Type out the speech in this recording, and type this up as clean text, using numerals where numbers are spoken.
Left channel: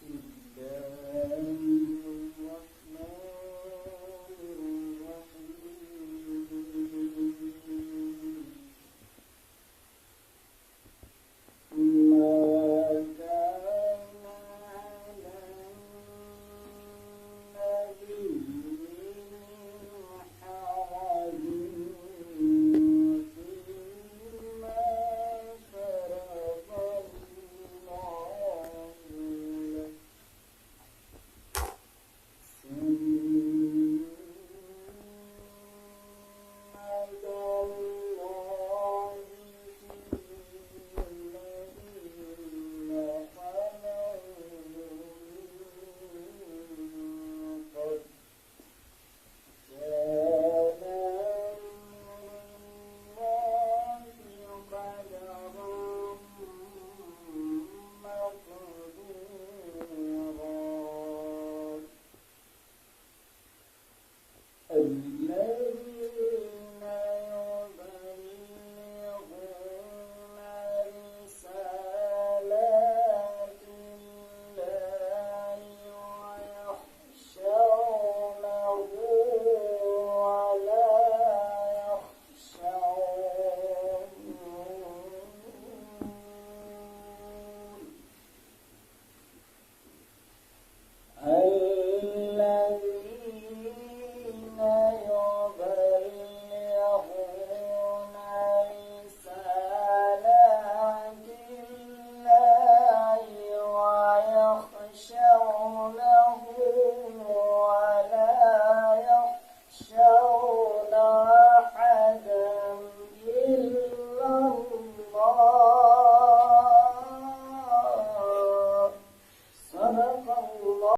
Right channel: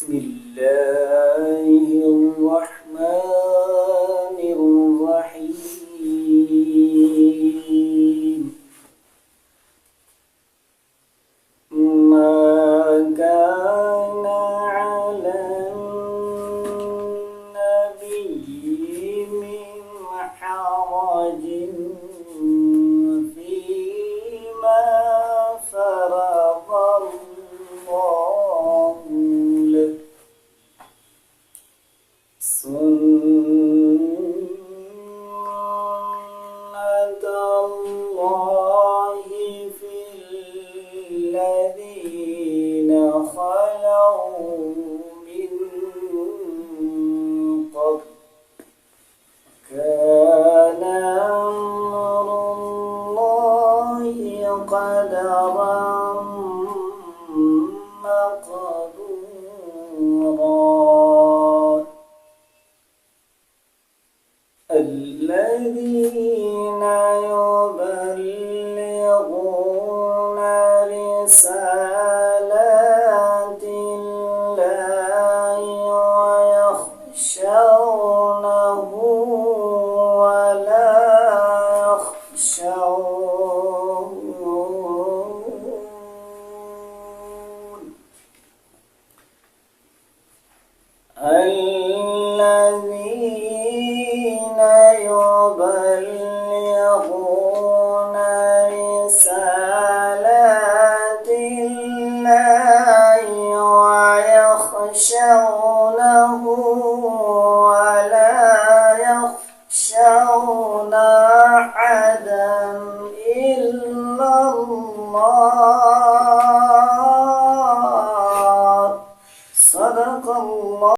بسم الله الرحمن الرحيم ما كان على النبي من حرج فيما فرض الله له سنة الله في الذين خلوا من قبل كان أمر الله قدرا مقدورا الذين يبلغون رسالات الله ويخشونه ولا يخشون الذين يبلغون رسالات الله ويخشونه ولا يخشون أحدا إلا الله صدق الله.